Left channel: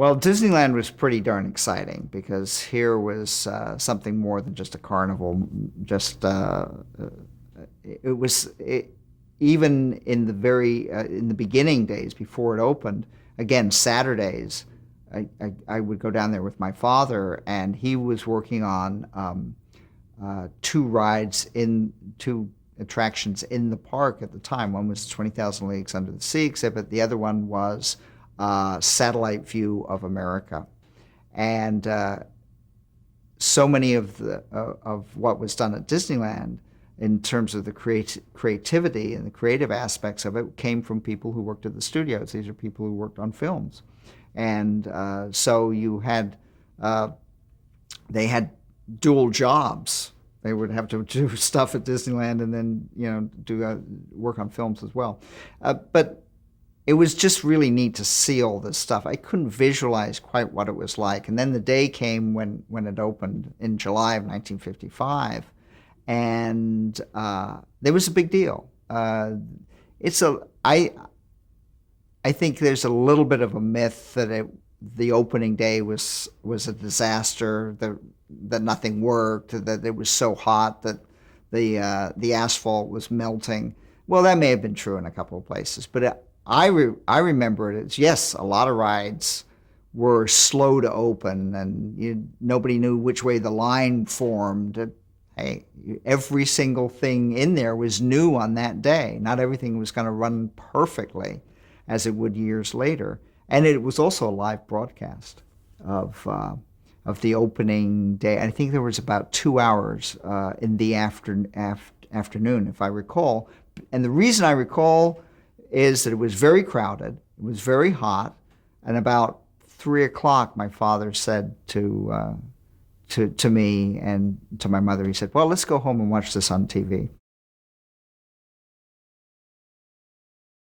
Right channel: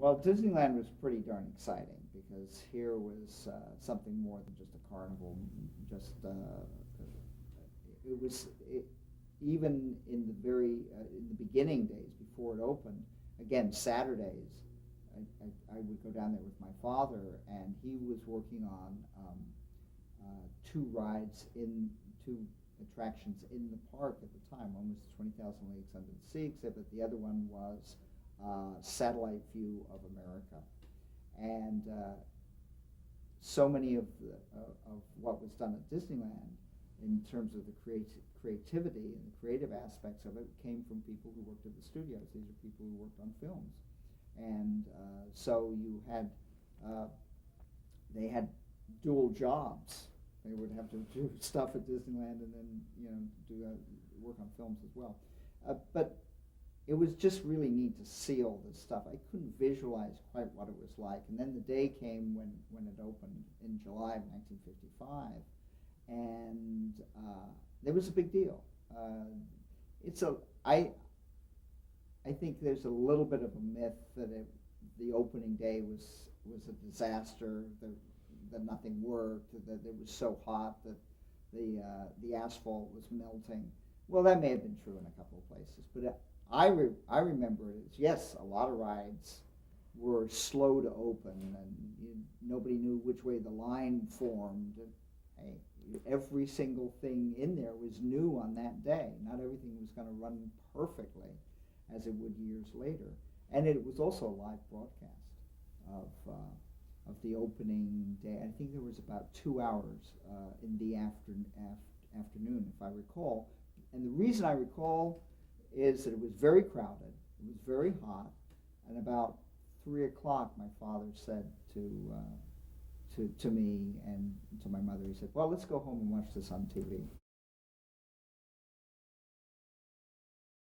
Well, Disneyland was pretty darn exciting because here was something more than just a carnival. Just it was it, even in the in the beginning days before it opened. Again, Saturdays, I would go down there with my father, and he was working on two attractions in the park at the time. One was 20,000 Leagues Under the Sea exhibit. The other one was Satellite View of America. And so many of what was done at Disneyland in terms of the creativity and the creative aspects of it came from people who worked at the studios. These are people who worked on films. And so they had dual jobs. They would have to do stuff at Disneyland and then, do work on films as well. But it was just really neat to see all this stuff. I couldn't visualize quite what it was like. And then the day came when it opened in July of 1955, and there was a big deal. I think there's a little bit of a myth that the opening day was a disaster, that nothing worked, that it was so hot that the asphalt was melting. Well, that may have been true in a couple of places, but I remember it as, yes, a lot of rides were slow to open, and nobody knew which way the line formed. Hey, every single thing in there was new on that day. Not everything was going to run perfectly as it would years later. And it was also a live broadcast of the opening day. I think there was about 2 hours in the afternoon, if I recall. And the reason I recall is that it was very crowded, it was very hot, and about 3 o'clock, my father said to me and to my mother, he said, "Well, let's go home and watch this on TV."